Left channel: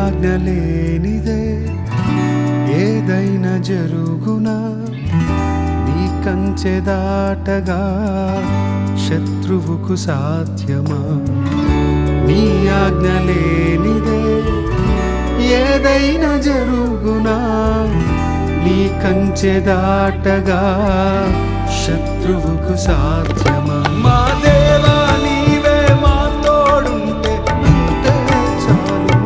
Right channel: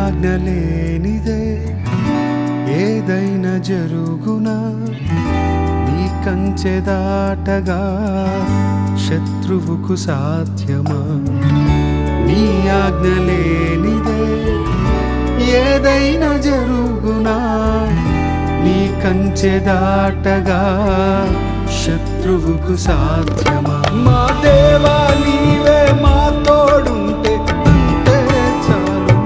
ఆజ్ఞ లేనిదే ఏదైనా జరుగునా, నీ కంచె దాటగా శత్రువుకు సాధ్యమా? నీ ఆజ్ఞ లేనిదే ఏదైనా జరుగునా, నీ కంచె దాటగా శత్రువుకు సాధ్యమా? మా దేవా నీవే మా తోడుంటే అంతే చాలు.